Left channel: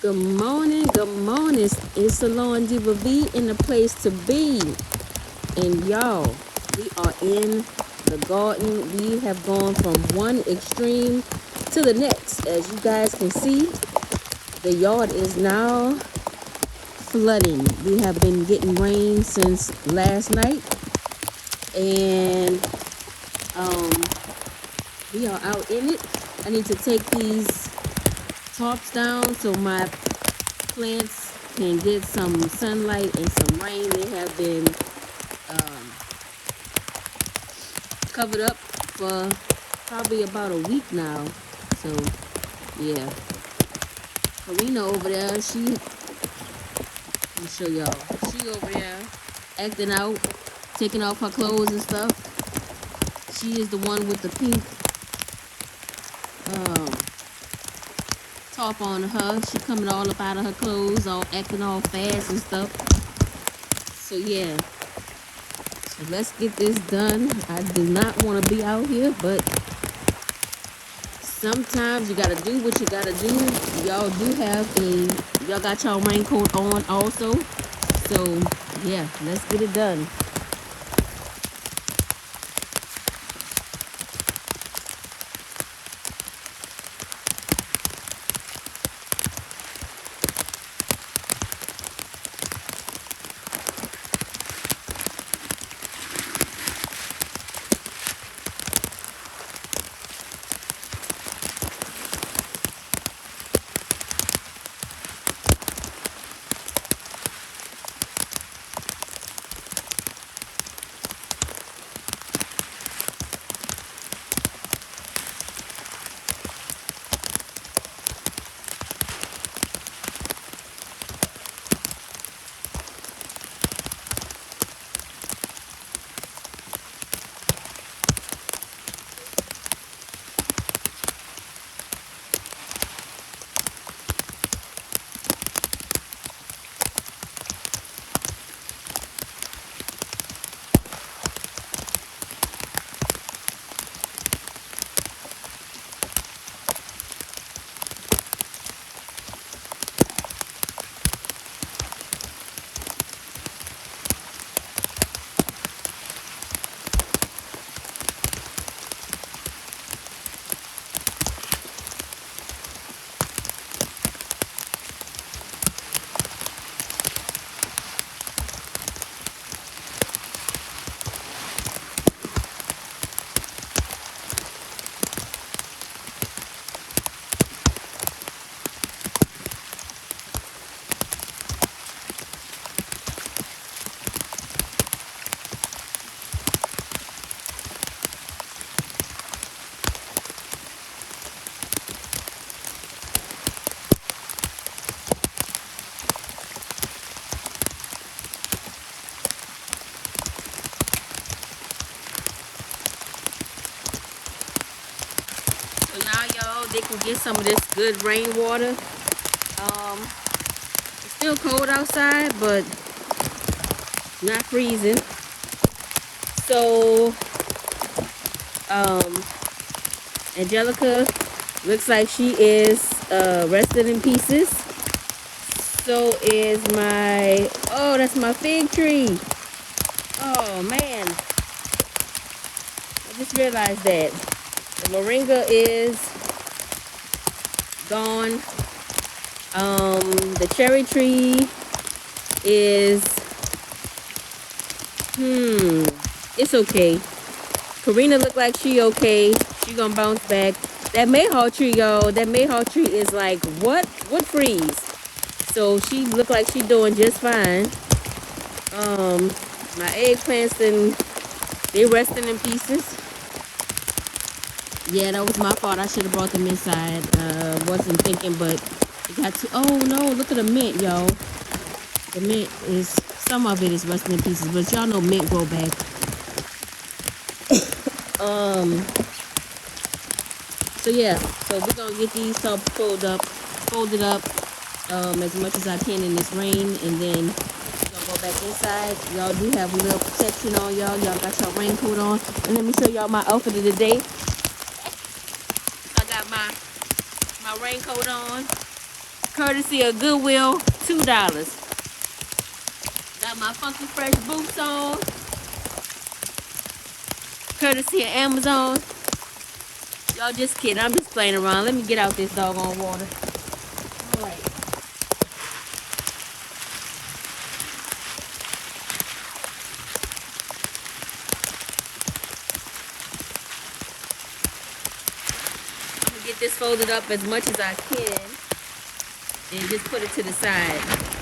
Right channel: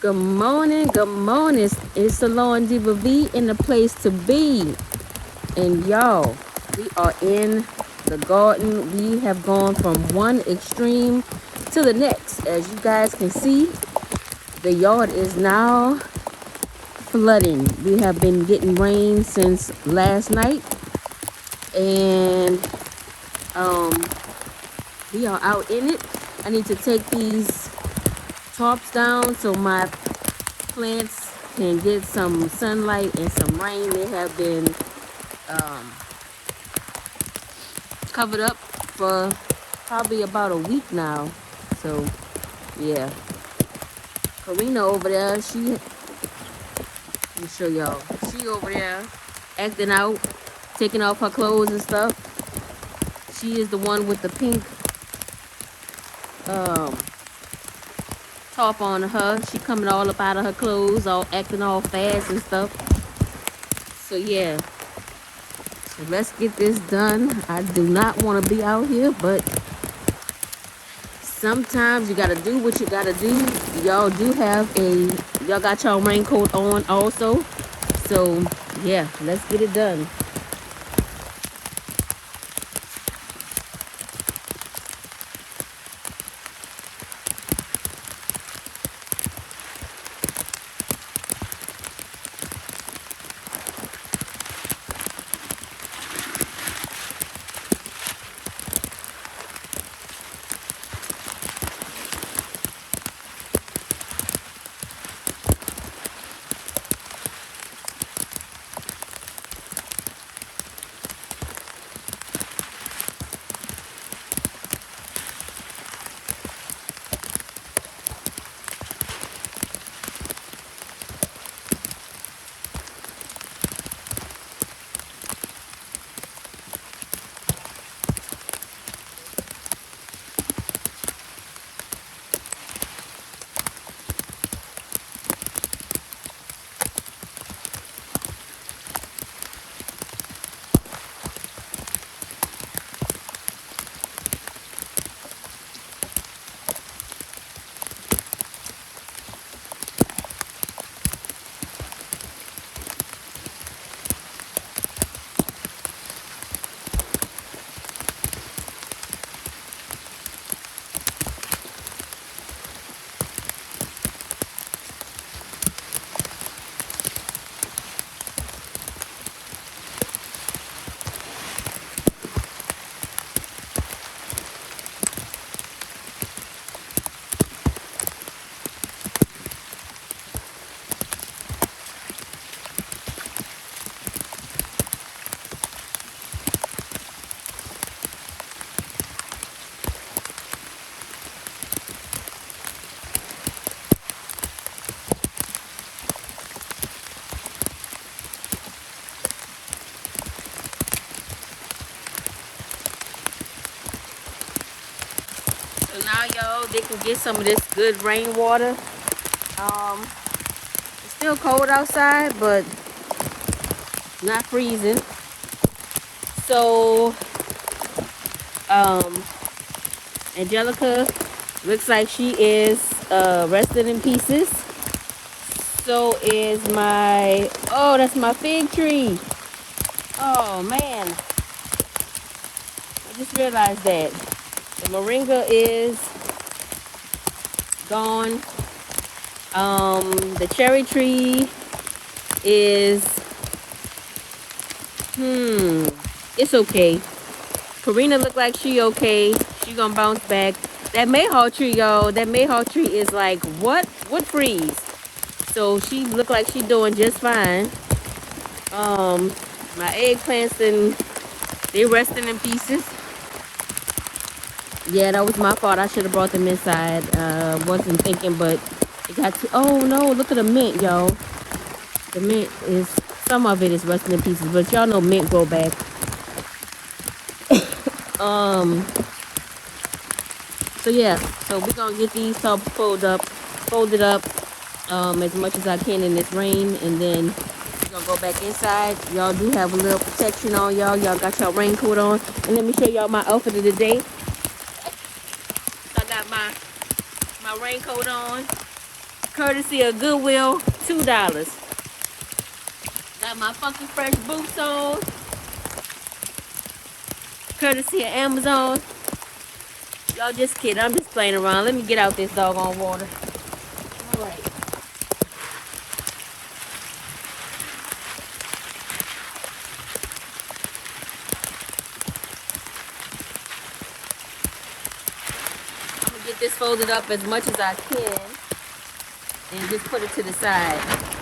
Good morning, good morning. It's Salon Diva V in the place to be. And y'all, we are in the garden. We have gone from one extreme to the next. As you guys can see, the yard is now flooding. We have been getting rain since last night. And we are out in it. I need to take these tarps down so my plants can get some sunlight and some rain. They have been covered up for probably about a week now. So yeah, Karina over there, let me show y'all. She over there acting out, taking off her clothes and stuff. She is the one with the pink top on her. She coming all up out of her clothes, all acting all fast and stuff. So yeah, so let's get this done. I do not want to be out here, but sometimes you gotta do what you gotta do. Y'all y'all got y'all raincoat on also. So yeah, let's get it done. So now y'all, they can get some of this good rainwater. It's still cold outside, but not freezing. So Angelica looks like she is rested in pieces. So is that's my fig tree. Oh man, I just realized that. The moringa is gone. The cherry tree is, it's okay. Karina looked like she okay. She gonna bounce back. That mayhaw tree, y'all, that mayhaw tree is like, what freeze? So she looked like she doing just fine. My eggplants, they resting in pieces. Yeah, that was my fault. I should have brought them inside. Wasn't thinking, but got to. Oh no! Look at the mint, y'all. The mint is, some of it is rusting in pieces, but y'all know mint grow back. So yeah, so we're gonna get these top folded up, as much as I can in this rain, and then we're gonna go back inside. Y'all do have a little protection on y'all. Y'all got your raincoat on, and let me show y'all my outfit of the day. I got my raincoat on. Courtesy of Goodwill, $2. Got my funky fresh boots on. Courtesy of Amazon. Y'all just kidding. I'm just playing around. Let me get out this doggone water. All right. I'm going to get this folded up as much as I can and just put it to the side.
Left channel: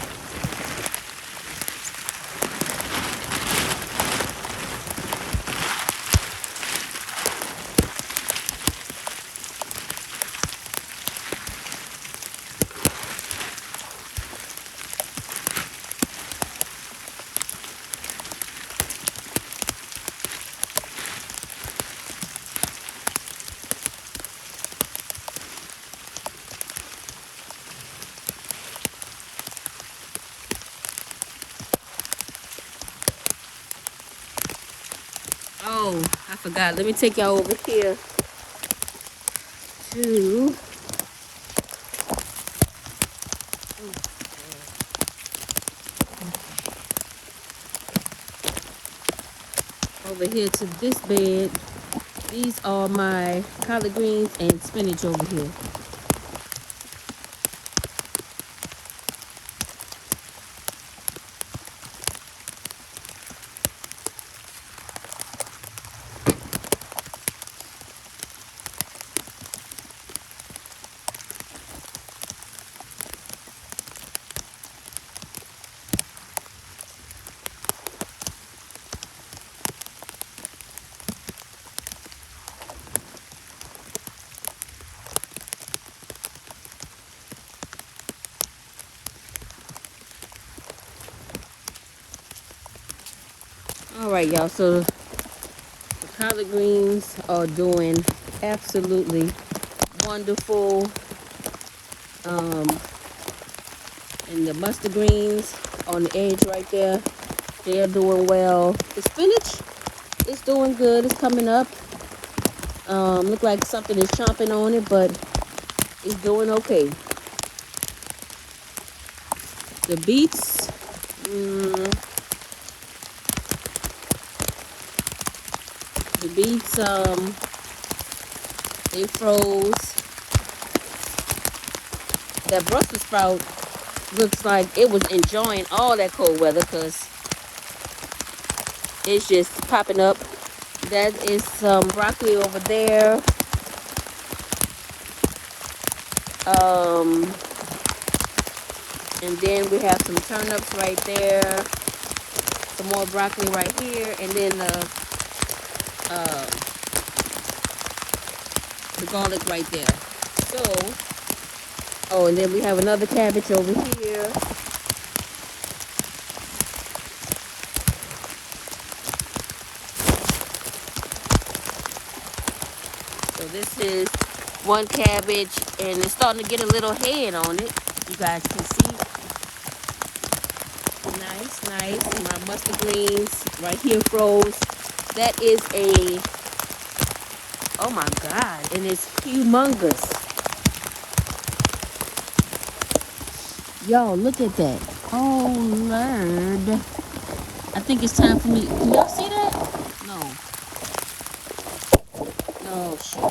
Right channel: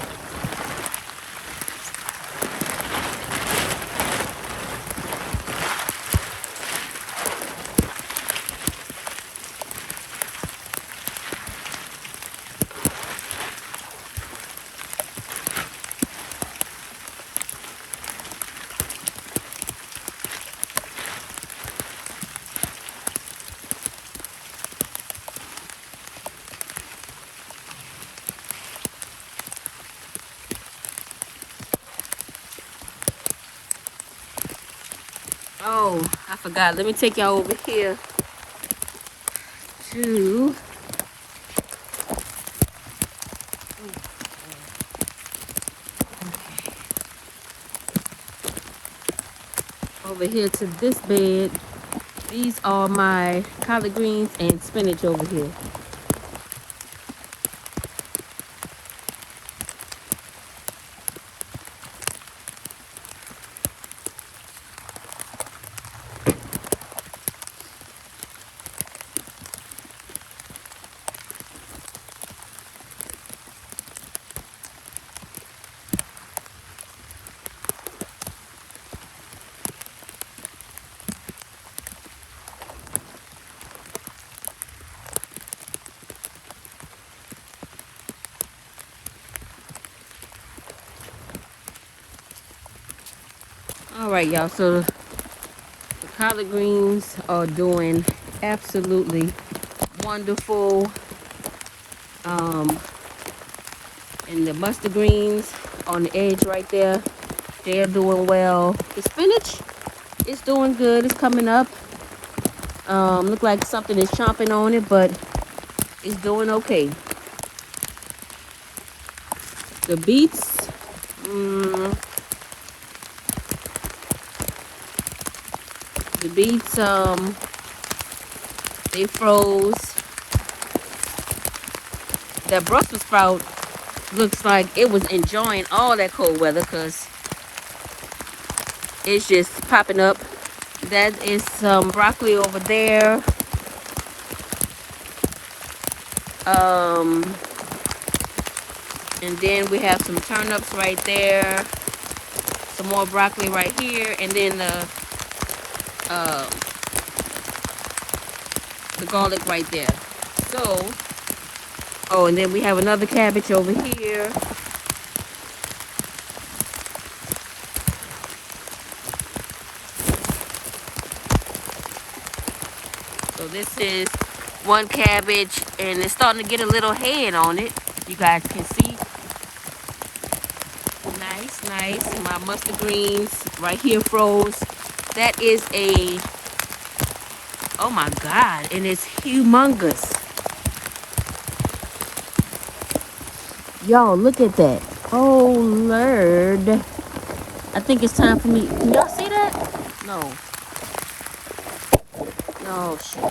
Oh, I forgot. Let me take y'all over here to this bed. These are my collard greens and spinach over here. All right, y'all, so the collard greens are doing absolutely wonderful. And the mustard greens on the edge right there, they're doing well. The spinach is doing good. It's coming up. Look like something is chomping on it, but it's doing okay. The beets, they froze. That Brussels sprout looks like it was enjoying all that cold weather because it's just popping up. That is some broccoli over there. And then we have some turnips right there. Some more broccoli right here. And then the garlic right there. So, oh, and then we have another cabbage over here. So this is one cabbage, and it's starting to get a little head on it. You guys can see. Nice. And my mustard greens right here froze. That is a, oh my God, and it's humongous. Y'all, look at that. Oh, Lord. I think it's time for me. Can y'all see that? No. No, shit.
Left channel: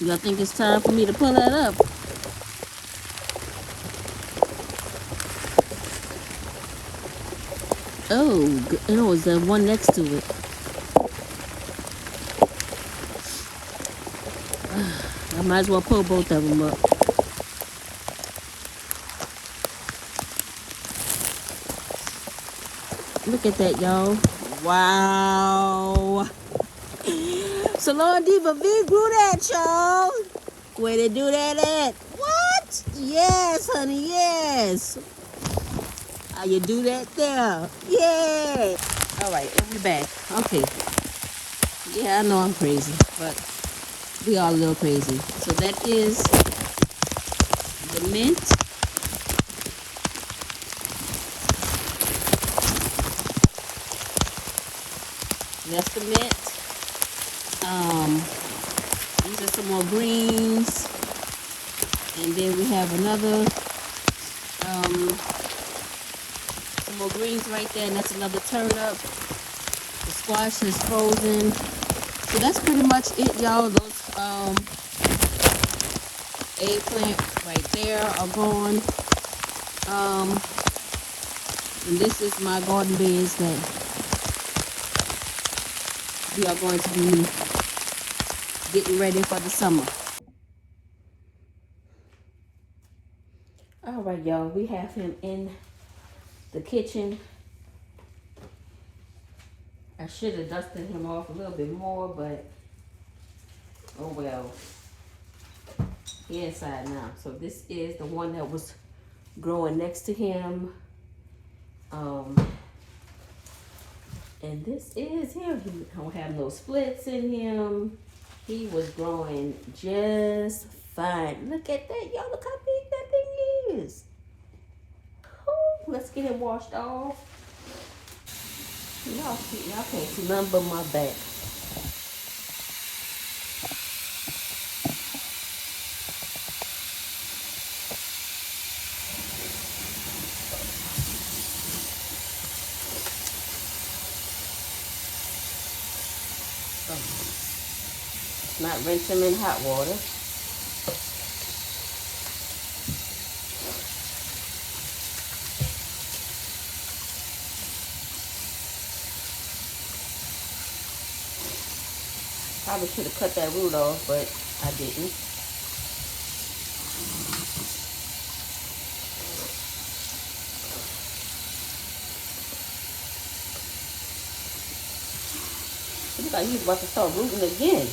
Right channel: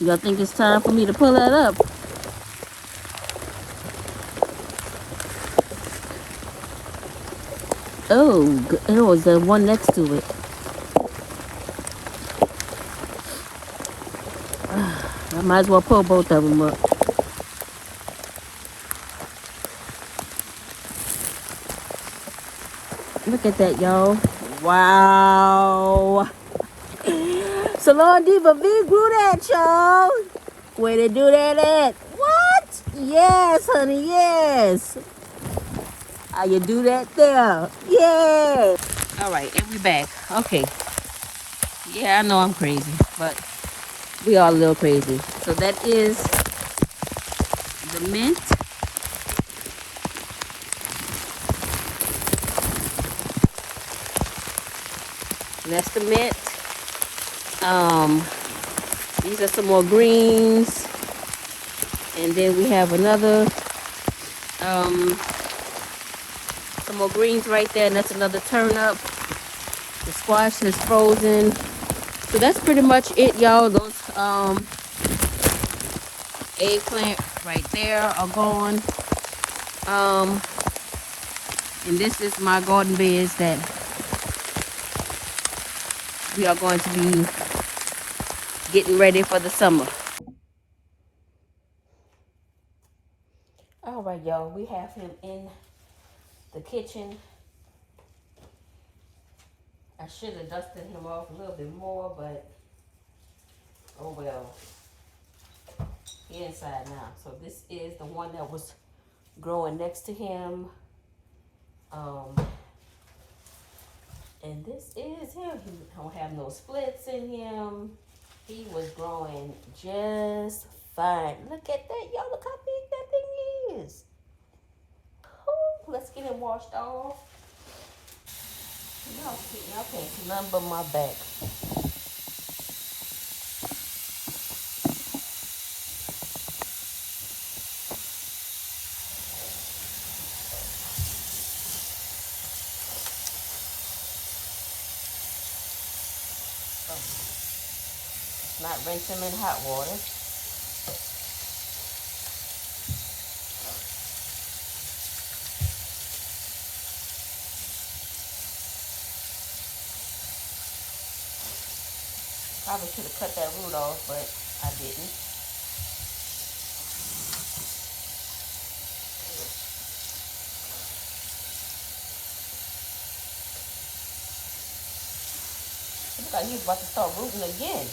Y'all think it's time for me to pull that up? Oh, it was the one next to it. I might as well pull both of them up. Look at that, y'all. Wow. Salon Diva V grew that, y'all. Where they do that at? What? Yes, honey, yes. How you do that there? Yeah. All right, and we back. Okay. Yeah, I know I'm crazy, but we are a little crazy. So that is the mint. That's the mint. These are some more greens. And then we have another, some more greens right there, and that's another turnip. The squash is frozen. So that's pretty much it, y'all. Those eggplant right there are gone. And this is my garden beds that we are going to be getting ready for the summer. All right, y'all, we have him in the kitchen. I should have dusted him off a little bit more, but oh well. He inside now. So this is the one that was growing next to him. And this is him. He don't have no splits in him. He was growing just fine. Look at that, y'all. Look how big that thing is. Ooh, let's get him washed off. Y'all can't see nothing but my back. Not rinse him in hot water. Probably should have cut that root off, but I didn't. Look like he's about to start rooting again.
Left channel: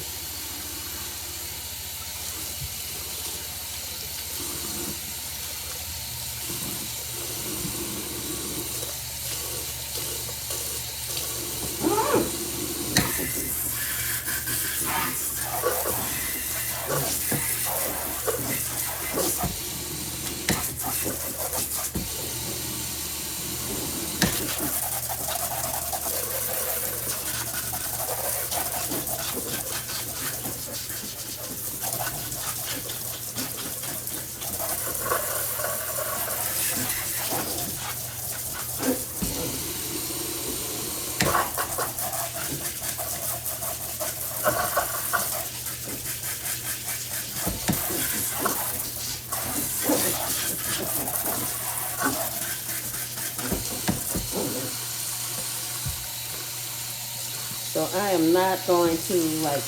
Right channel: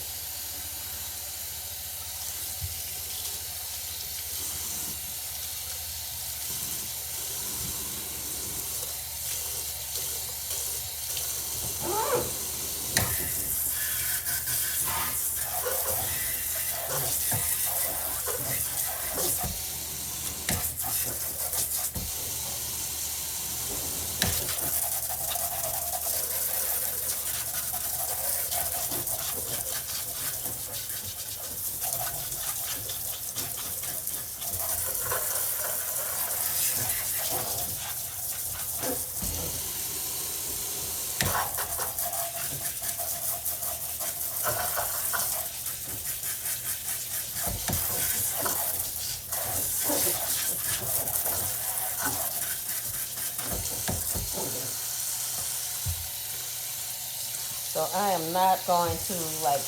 So I am not going to like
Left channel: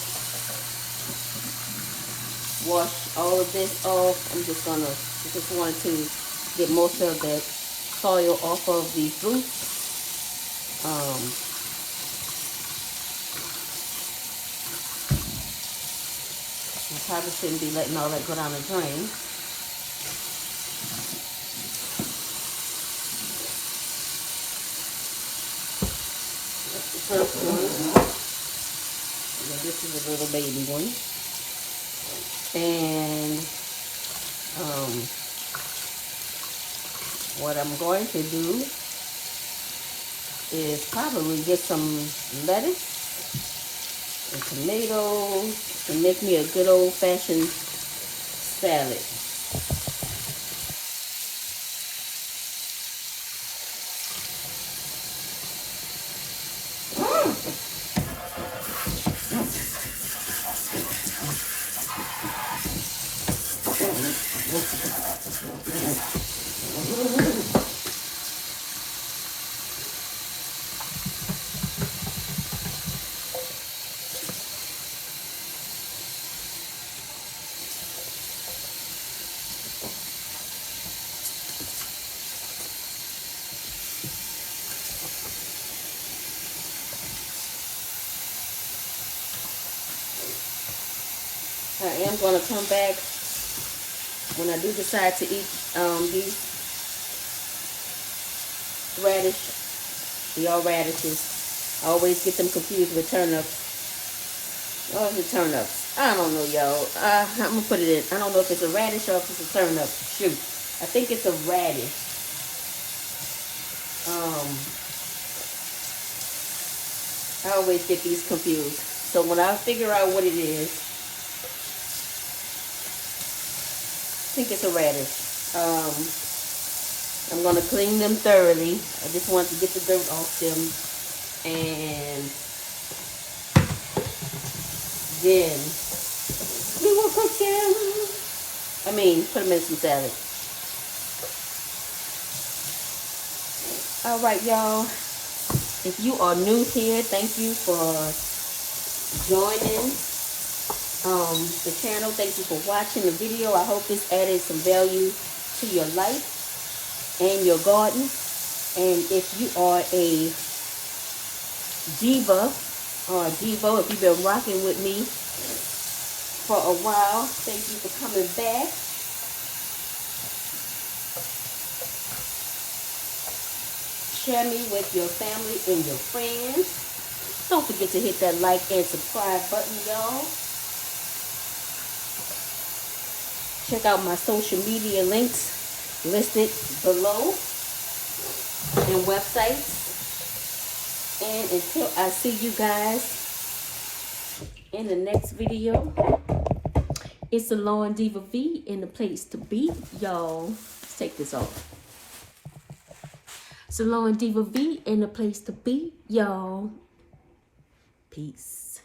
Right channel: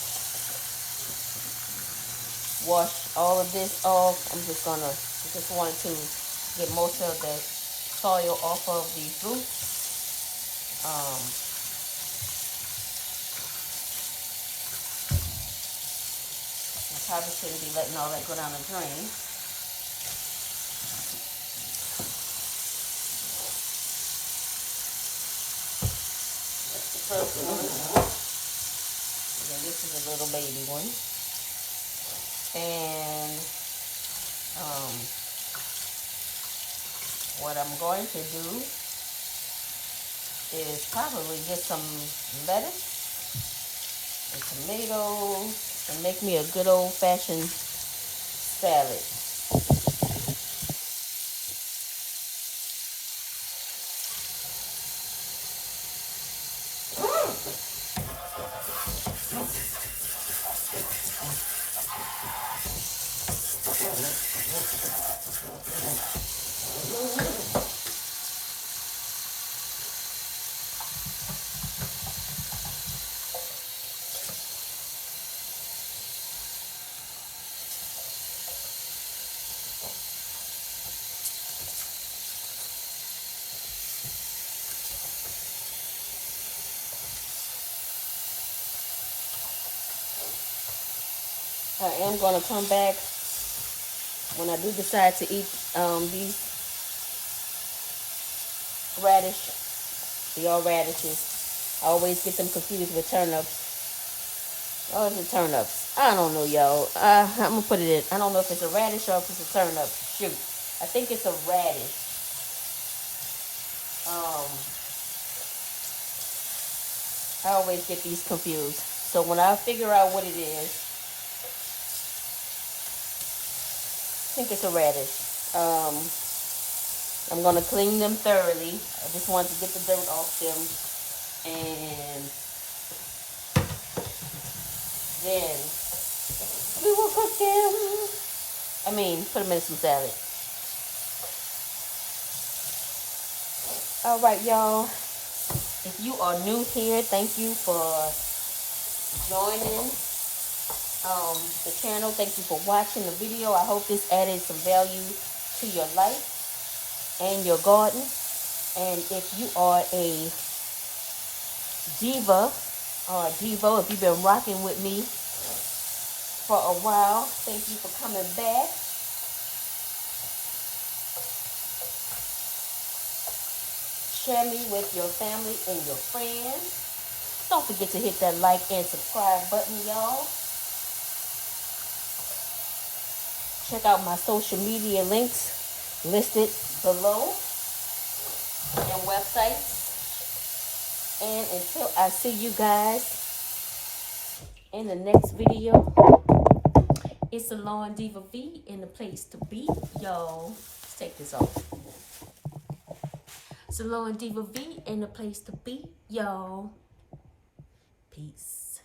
wash all of this off. I just wanted to get most of the soil off of these roots. I probably shouldn't be letting all that go down the drain. That's the first one. Yeah, this is a little baby one. And what I'm going to do is probably get some lettuce and tomatoes and make me a good old-fashioned salad. I am going to come back when I do decide to eat these radish. They are radishes. I always get them confused with turnips. Oh, is it turnips? I don't know, y'all. I'm going to put it in. I don't know if it's a radish or if it's a turnip. Shoot. I think it's a radish. I always get these confused. So when I figure out what it is, I think it's a radish. I'm gonna clean them thoroughly. I just want to get the dirt off them, and then we will cook them. I mean, put them in some salad. All right, y'all. If you are new here, thank you for joining the channel. Thank you for watching the video. I hope this added some value to your life and your garden. And if you are a diva or a devo, if you've been rocking with me for a while, thank you for coming back. Share me with your family and your friends. Don't forget to hit that like and subscribe button, y'all. Check out my social media links listed below and websites. And until I see you guys in the next video, it's the Lawn Diva V in the place to be, y'all. Let's take this off. It's the Lawn Diva V in the place to be, y'all. Peace.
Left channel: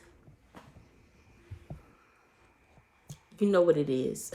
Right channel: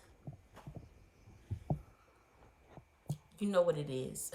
You know what it is.